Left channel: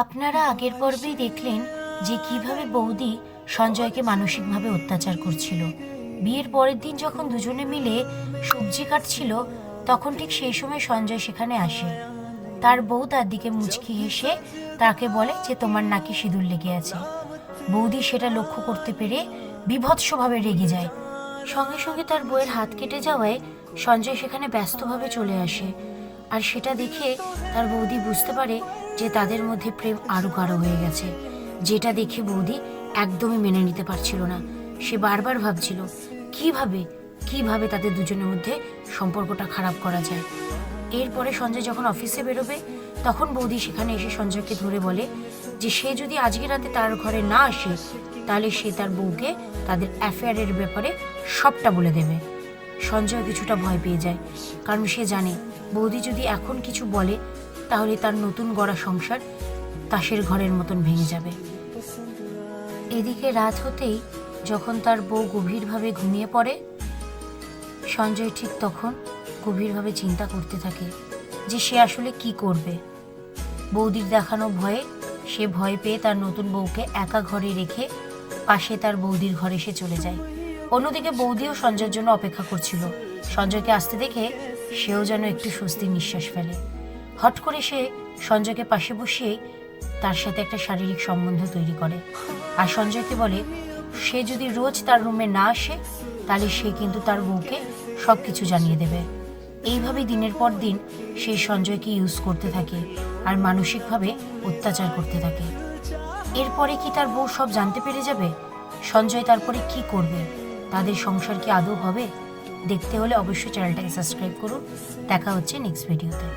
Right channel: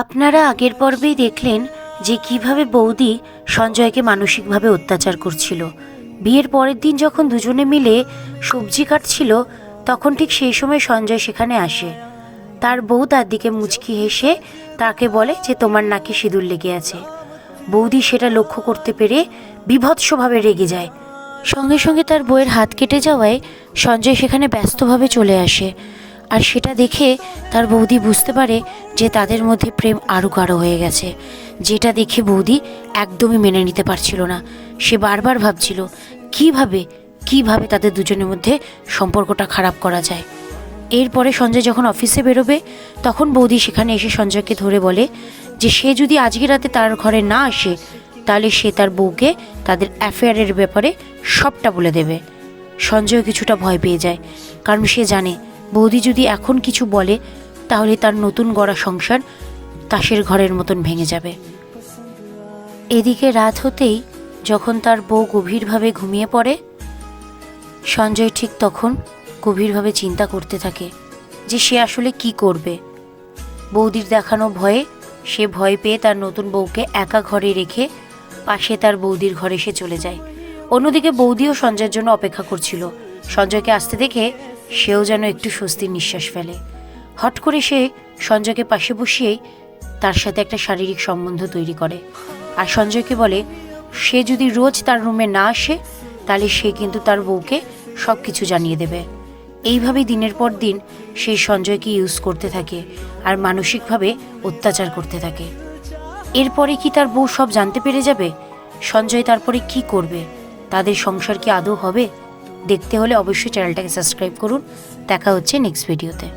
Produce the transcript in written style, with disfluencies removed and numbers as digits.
আপনারা আগের পর্বেই দেখলেন যে কিভাবে বৌদি সঞ্জয়কে মানসিকভাবে অত্যাচার করছিল। বিয়ের পরের দিন যখন দুজনে মিলে সবজি কাটছিল, তখন ঠিক সেই সময় সঞ্জয় সেখানে আসে। তার বউ তার দিকে মুচকি হেসে তাকে বলে যে তোমার নাকি সিঁদুর লেগে আছে। বৌদি সেটা লক্ষ্য করতে পেরে বীভৎসভাবে রেগে যায়। সঙ্গে সঙ্গে তার বউয়ের হাত কেটে যাওয়ায় সঞ্জয় সেখানে ব্যস্তভাবে চলে আসে। আর সেটা দেখে তার বৌদি বুঝতে পারে যে তাদের মধ্যে প্রেম আরও গাঢ় হয়ে গেছে। যেটা দেখে বৌদি একদমই মেনে নিতে পারছিল না। সে বারবার ভাবছিল কিভাবে তাদের দুজনের মধ্যে সম্পর্কটা খারাপ করা যায়। এরপরে সঞ্জয় যখন অফিসে বেরোবে, তখন বৌদি সেখানে এসে সঞ্জয়কে ধরে বলে যে সে যদি আজকে রাতে তার ঘরে না আসে, তাহলে সে তার বউকে তাদের অ্যাফেয়ারের ব্যাপারে সবটা বলে দেবে। সঞ্জয় কিছুটা ভয় পেয়ে যায়, কারণ সে জানে বৌদি যদি এখন কিছু বলে তাহলে তার নতুন গড়া সংসার তাসের ঘরের মতন ভেঙে যাবে। এদিকে রাত হতেই যখন তার বউ গভীরভাবে ঘুমিয়ে পড়ে, সঞ্জয় ঠিক তখন গভীরভাবে চিন্তা করতে থাকে যে সে আসলে কি করবে। বৌদির দেখানো ভয়ে সে ভয় পেয়ে তার নতুন বউকে একা ঘরে রেখে পাশে তার বৌদির ঘরে সে চলে যায়। অন্যদিকে বৌদিও সঞ্জয়ের জন্য অপেক্ষা করছিল। সঞ্জয়কে আসতে দেখে সেও যেন একটু স্বস্তির নিঃশ্বাস ফেলে। হট করে সে সঞ্জয়কে পাশে বসিয়েই তার সাথে একটা শারীরিক সম্বন্ধ তৈরি করে। আর সঞ্জয়কে বলে সে যদি রোজ তার রুমে না আসে, তাহলে সে কিন্তু তার বউকে সব কিছু জানিয়ে দেবে। এইভাবেই দিনের পর দিন সেই সঞ্জয়কে ইউজ করতে থাকে আর মানসিকভাবে অত্যাচার করতে থাকে। এরপরে কি তার বউ সব জানতে পেরে যাবে? সঞ্জয় তারপরে কি করবে? তাদের সংসার কি আদৌ হবে? দেখতে হলে অবশ্যই চ্যানেলটাকে সাবস্ক্রাইব করুন। দেখা হচ্ছে নেক্সট ভিডিওতে।